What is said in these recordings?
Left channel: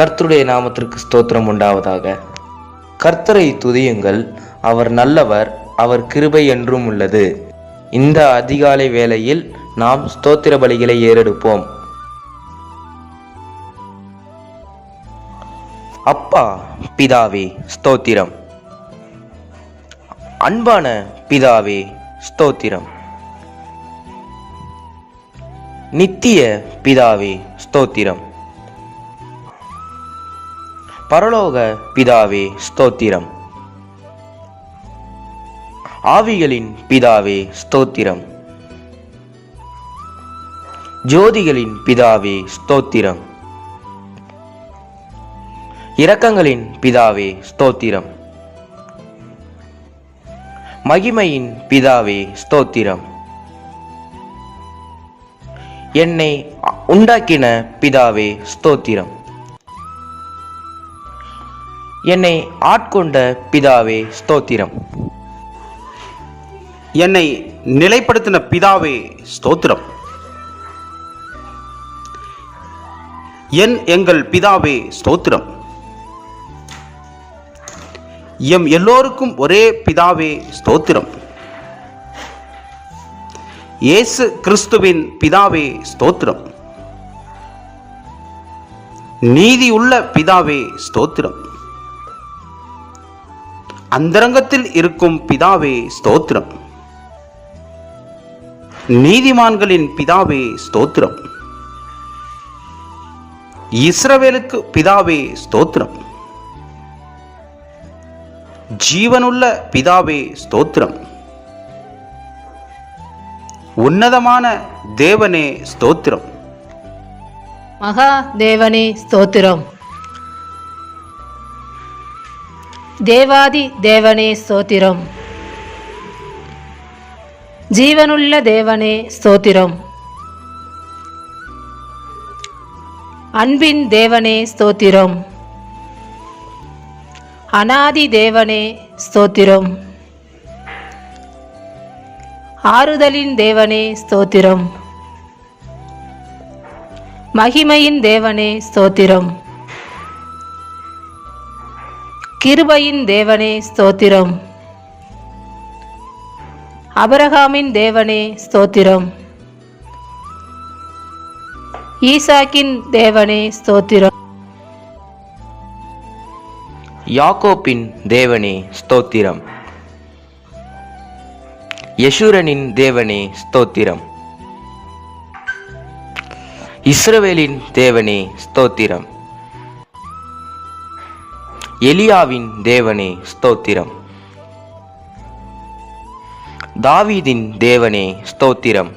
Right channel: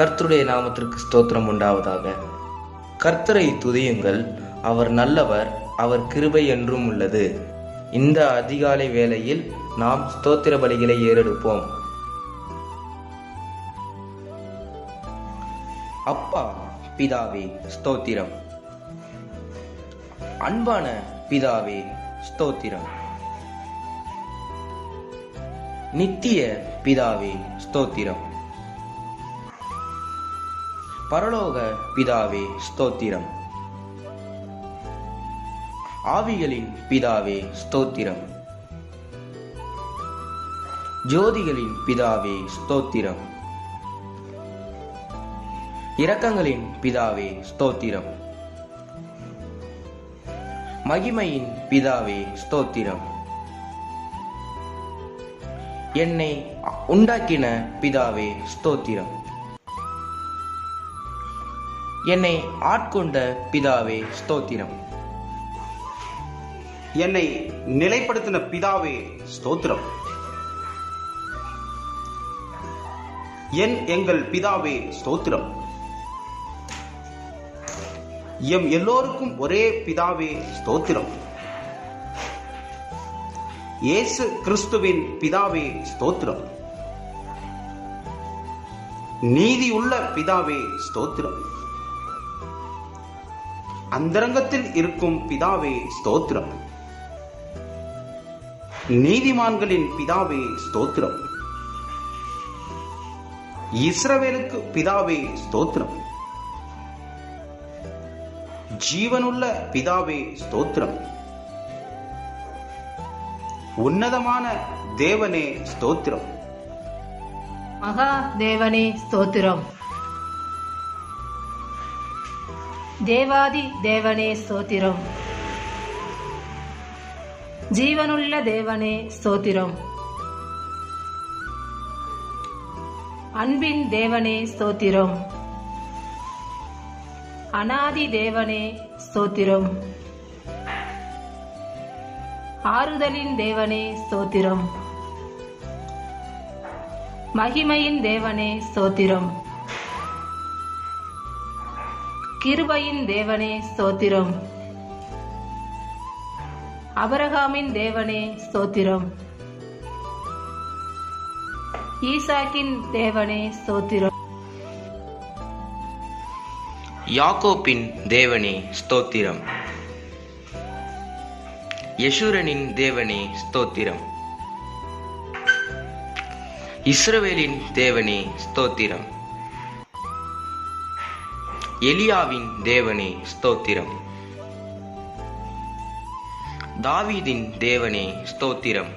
கர்த்தருடைய நாமத்திற்கு ஸ்தோத்திரம் உண்டாவதாக. கர்த்தரை துதியுங்கள், அவர் நல்லவர், அவர் கிருபை என்றும் உள்ளது. இந்த அதிகாலை வேளையில் நாம் ஸ்தோத்திர பலிகளை ஏறெடுப்போம். அப்பா பிதாவே ஸ்தோத்திரம். அன்பான பிதாவே ஸ்தோத்திரம். நித்திய பிதாவே ஸ்தோத்திரம். பரலோக பிதாவே ஸ்தோத்திரம். ஆவிகளின் பிதாவே ஸ்தோத்திரம். ஜோதிகளின் பிதாவே ஸ்தோத்திரம். இரக்கங்களின் பிதாவே ஸ்தோத்திரம். மகிமையின் பிதாவே ஸ்தோத்திரம். என்னை உண்டாக்கின பிதாவே ஸ்தோத்திரம். என்னை ஆட்கொண்ட பிதாவே ஸ்தோத்திரம். என்னை நிலைப்படுத்தின பிதாவே ஸ்தோத்திரம். எங்கள் பிதாவே ஸ்தோத்திரம். எம் எல்லோருக்கும் ஒரே பிதாவே ஸ்தோத்திரம். இயேசு கிறிஸ்துவின் பிதாவே ஸ்தோத்திரம். நீதியுள்ள பிதாவே ஸ்தோத்திரம். அந்தரங்கத்தில் இருக்கும் பிதாவே ஸ்தோத்திரம். நீதிமான்களின் பிதாவே ஸ்தோத்திரம். இஸ்ரவேலுக்கு பிதாவே ஸ்தோத்திரம். ஜீவனுள்ள பிதாவே ஸ்தோத்திரம். உன்னதமான தேவனே ஸ்தோத்திரம். மகா தேவனே ஸ்தோத்திரம். தேவாதி தேவனே ஸ்தோத்திரம். ஜீவனுள்ள தேவனே ஸ்தோத்திரம். அன்பின் தேவனே ஸ்தோத்திரம். அநாதி தேவனே ஸ்தோத்திரம். ஆறுதலின் தேவனே ஸ்தோத்திரம். மகிமையின் தேவனே ஸ்தோத்திரம். கிருபையின் தேவனே ஸ்தோத்திரம். அபிரகாமின் தேவனே ஸ்தோத்திரம். ஈசாக்கின் தேவனே ஸ்தோத்திரம். யாக்கோப்பின் தேவனே ஸ்தோத்திரம். யெஷூரனின் தேவனே ஸ்தோத்திரம். இஸ்ரவேலின் தேவனே ஸ்தோத்திரம். எலியாவின் தேவனே ஸ்தோத்திரம். தாவீதின் தேவனே ஸ்தோத்திரம்.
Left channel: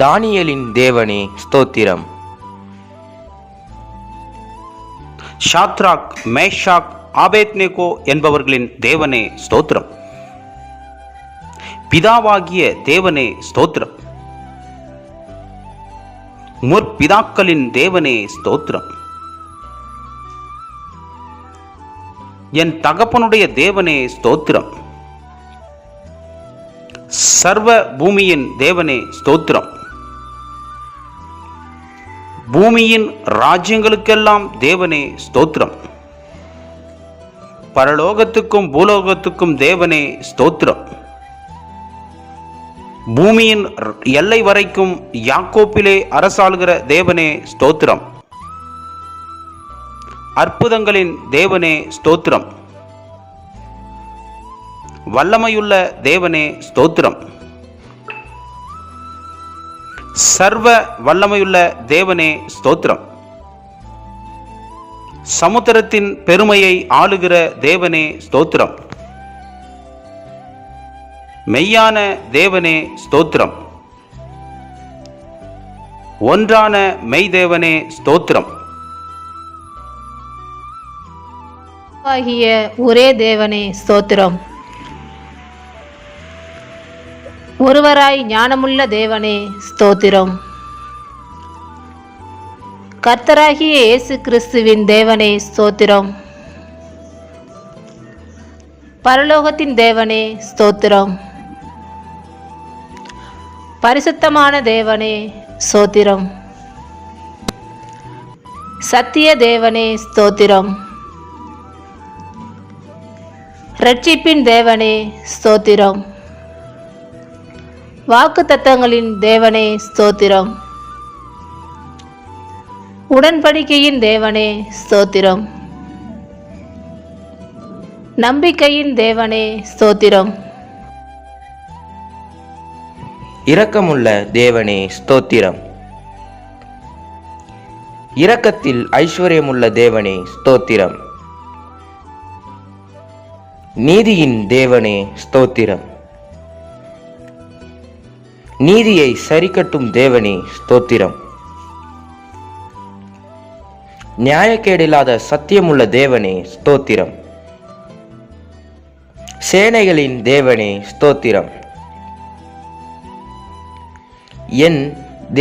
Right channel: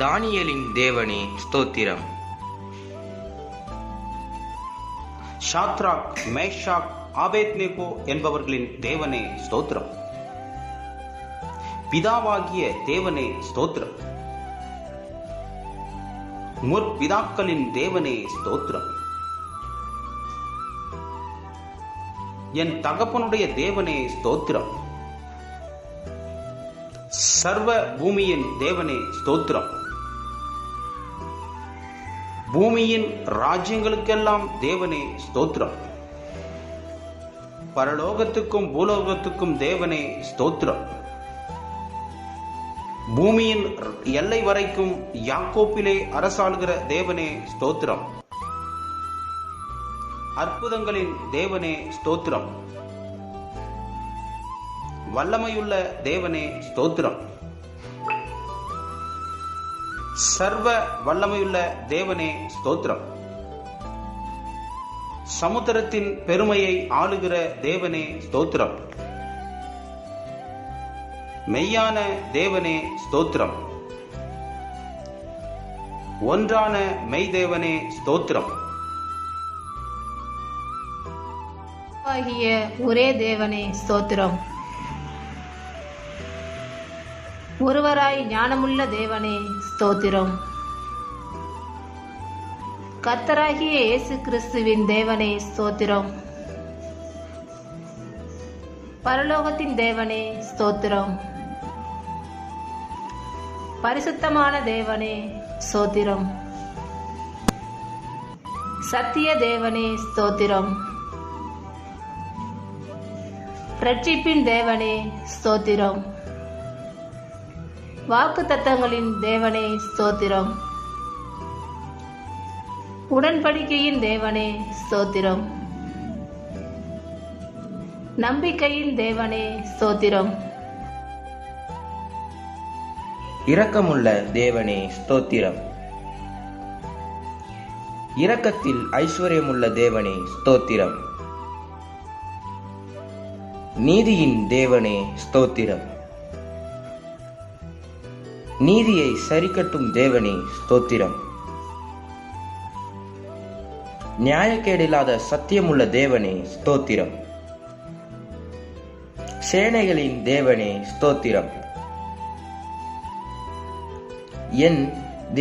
தானியேலின் தேவனே ஸ்தோத்திரம். ஷாத்ராக், மேஷாக், ஆபேத்நேகோ என்பவர்களின் தேவனே ஸ்தோத்திரம். பிதாவாகிய தேவனே ஸ்தோத்திரம். முற்பிதாக்களின் தேவனே ஸ்தோத்திரம். என் தகப்பனுடைய தேவனே ஸ்தோத்திரம். சர்வ பூமியின் தேவனே ஸ்தோத்திரம். பூமியின் ராஜ்யங்களுக்கெல்லாம் தேவனே ஸ்தோத்திரம். பரலோகத்துக்கும் பூலோகத்துக்கும் தேவனே ஸ்தோத்திரம். பூமியின் எல்லை வரைக்கும் யாக்கோப்பிலே அரசாளுகிற தேவனே ஸ்தோத்திரம். அற்புதங்களின் தேவனே ஸ்தோத்திரம். வல்லமையுள்ள தேவனே ஸ்தோத்திரம். சர்வ வல்லமையுள்ள தேவனே ஸ்தோத்திரம். சமுத்திரத்தின் பெருமையை ஆளுகிற தேவனே ஸ்தோத்திரம். மெய்யான தேவனே ஸ்தோத்திரம். ஒன்றான மெய்தேவனே ஸ்தோத்திரம். ஆகிய ஒரே தேவனே ஸ்தோத்திரம். ஒருவராய் ஞானமுள்ள தேவனே ஸ்தோத்திரம். கர்த்தராகிய இயேசு கிறிஸ்துவின் தேவனே ஸ்தோத்திரம். பரலோகத்தின் தேவனே ஸ்தோத்திரம். பரிசுத்தமான தேவனே ஸ்தோத்திரம். சத்திய தேவனே ஸ்தோத்திரம். இரட்சிப்பின் தேவனே ஸ்தோத்திரம். வாக்குத்தத்தங்களின் தேவனே ஸ்தோத்திரம். உடன்படிக்கையின் தேவனே ஸ்தோத்திரம். நம்பிக்கையின் தேவனே ஸ்தோத்திரம். இரக்கமுள்ள தேவனே ஸ்தோத்திரம். இரக்கத்தில் ஐஸ்வர்யமுள்ள தேவனே ஸ்தோத்திரம். நீதியின் தேவனே ஸ்தோத்திரம். நீதியை சரிக்கட்டும் தேவனே ஸ்தோத்திரம். நியாயக்கேடில்லாத சத்தியமுள்ள தேவனே ஸ்தோத்திரம். சேனைகளின் தேவனே ஸ்தோத்திரம். என்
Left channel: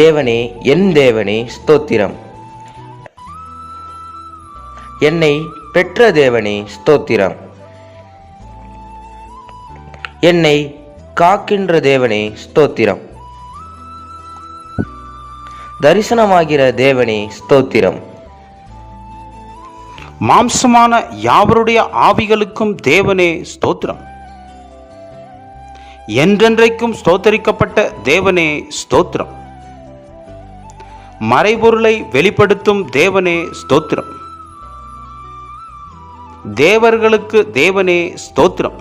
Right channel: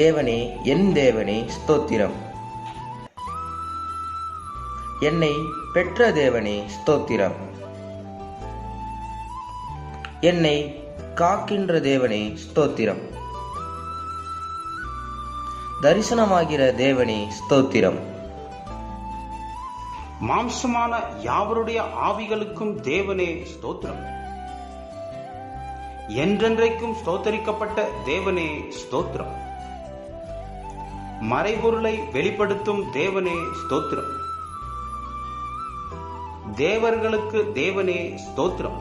தேவனே, என் தேவனே ஸ்தோத்திரம். என்னை பெற்ற தேவனே ஸ்தோத்திரம். என்னை காக்கின்ற தேவனே ஸ்தோத்திரம். தரிசனமாகிற தேவனே ஸ்தோத்திரம். மாம்சமான யாவருடைய ஆவிகளுக்கும் தேவனே ஸ்தோத்திரம். என்றென்றைக்கும் ஸ்தோத்தரிக்கப்பட்ட தேவனே ஸ்தோத்திரம். மறைபொருளை வெளிப்படுத்தும் தேவனே ஸ்தோத்திரம். தேவர்களுக்கு தேவனே ஸ்தோத்திரம்.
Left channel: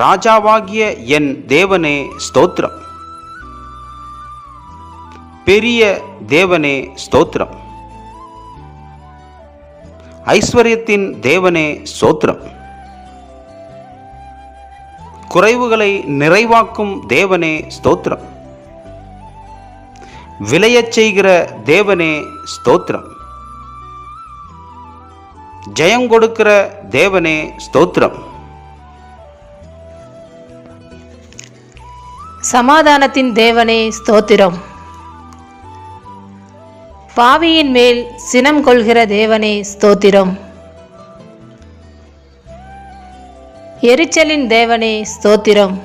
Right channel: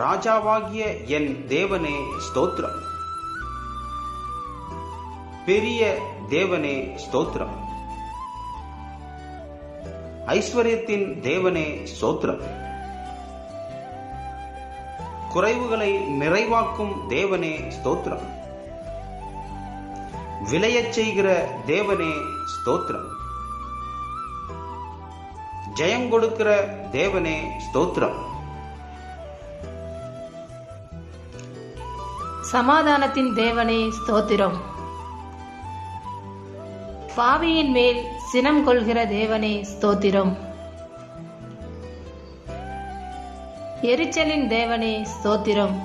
ராஜாவாகிய என் தேவனே ஸ்தோத்திரம். பெரிய தேவனே ஸ்தோத்திரம். ஐஸ்வர்யத்தின் தேவனே ஸ்தோத்திரம். குறைவுகளை நிறைவாக்கும் தேவனே ஸ்தோத்திரம். விளையச் செய்கிற தேவனே ஸ்தோத்திரம். ஜெயம் கொடுக்கிற தேவனே ஸ்தோத்திரம். சமாதானத்தின் தேவனே ஸ்தோத்திரம். பாவியின் மேல் சினம் கொள்கிற தேவனே ஸ்தோத்திரம். எரிச்சலின் தேவனே ஸ்தோத்திரம்.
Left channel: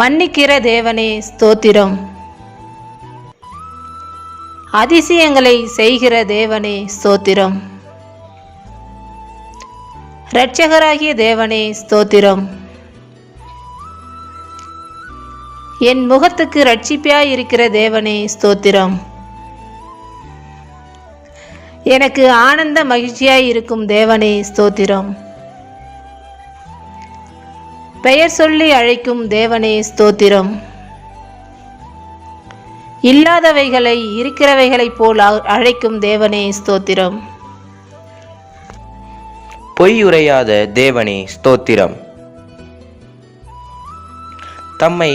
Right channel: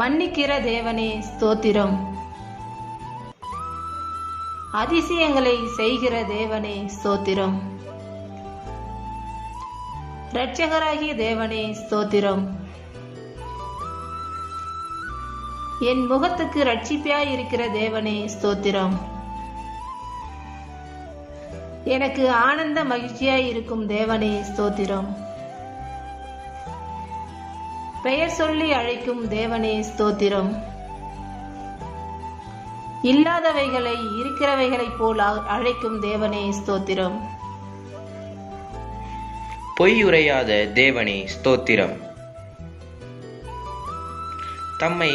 மன்னிக்கிற தேவனே ஸ்தோத்திரம். அதிசயங்களை செய்கிற தேவனே ஸ்தோத்திரம். இரட்சகராகிய தேவனே ஸ்தோத்திரம். என் முகத்துக்கு இரட்சிப்பாயிருக்கிற தேவனே ஸ்தோத்திரம். எனக்கு ஆனந்த மகிழ்ச்சியாயிருக்கும் தேவனே ஸ்தோத்திரம். பெயர் சொல்லி அழைக்கும் தேவனே ஸ்தோத்திரம். இல்லாதவைகளை இருக்கிறவைகளைப் போல் அழைக்கும் தேவனே ஸ்தோத்திரம். பொய்யுரையாத தேவனே ஸ்தோத்திரம். தம்மை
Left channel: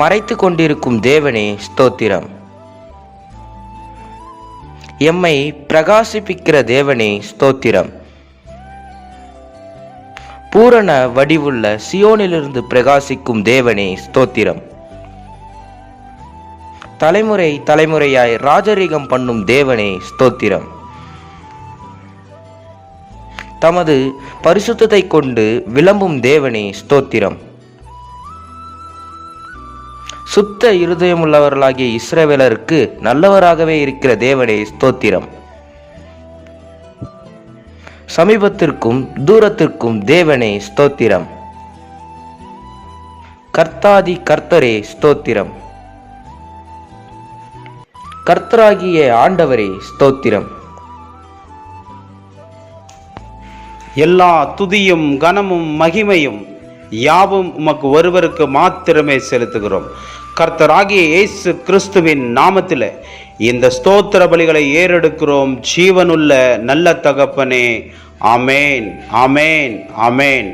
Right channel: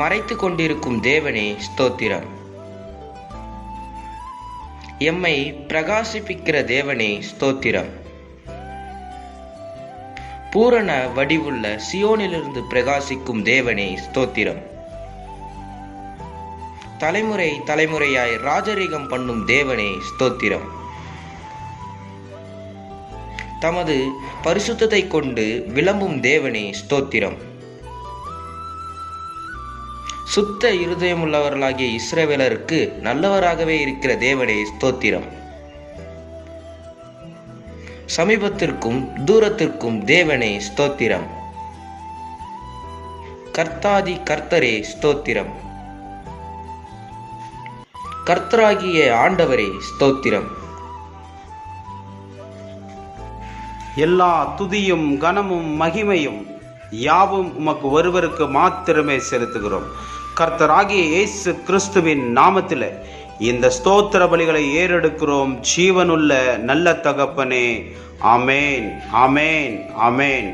மறைத்து கொண்டிருக்கும் தேவனே ஸ்தோத்திரம். எம்மை பிரகாசிப்பிக்கிற தேவனே ஸ்தோத்திரம். பூரண வடிவுள்ள சியோனிலிருந்து பிரகாசிக்கும் தேவனே ஸ்தோத்திரம். தலைமுறை தலைமுறையாய் ராஜரீகம் பண்ணும் தேவனே ஸ்தோத்திரம். தமது பரிசுத்தத்தை கொண்டு விளம்பும் தேவனே ஸ்தோத்திரம். சுத்த இருதயமுள்ளவர்களாகிய இஸ்ரவேலருக்கு நல்லவராகவே இருக்கிற தேவனே ஸ்தோத்திரம். சமீபத்திற்கும் தூரத்திற்கும் தேவனே ஸ்தோத்திரம். கர்த்தாதி கர்த்தரே ஸ்தோத்திரம். கர்த்தராகிய ஆண்டவரே ஸ்தோத்திரம். எல்லா துதியும் கனமும் மகிமையும் யாவும் உமக்கு ஒருவருக்கு மாத்திரமே செலுத்துகிறோம். கர்த்தராகிய இயேசு கிறிஸ்துவின் நாமத்தில் இந்த ஸ்தோத்திர பலிகளை ஏறெடுக்கிறோம். ஜீவனுள்ள நல்ல தகப்பனே, ஆமேன், ஆமேன், ஆமேன்.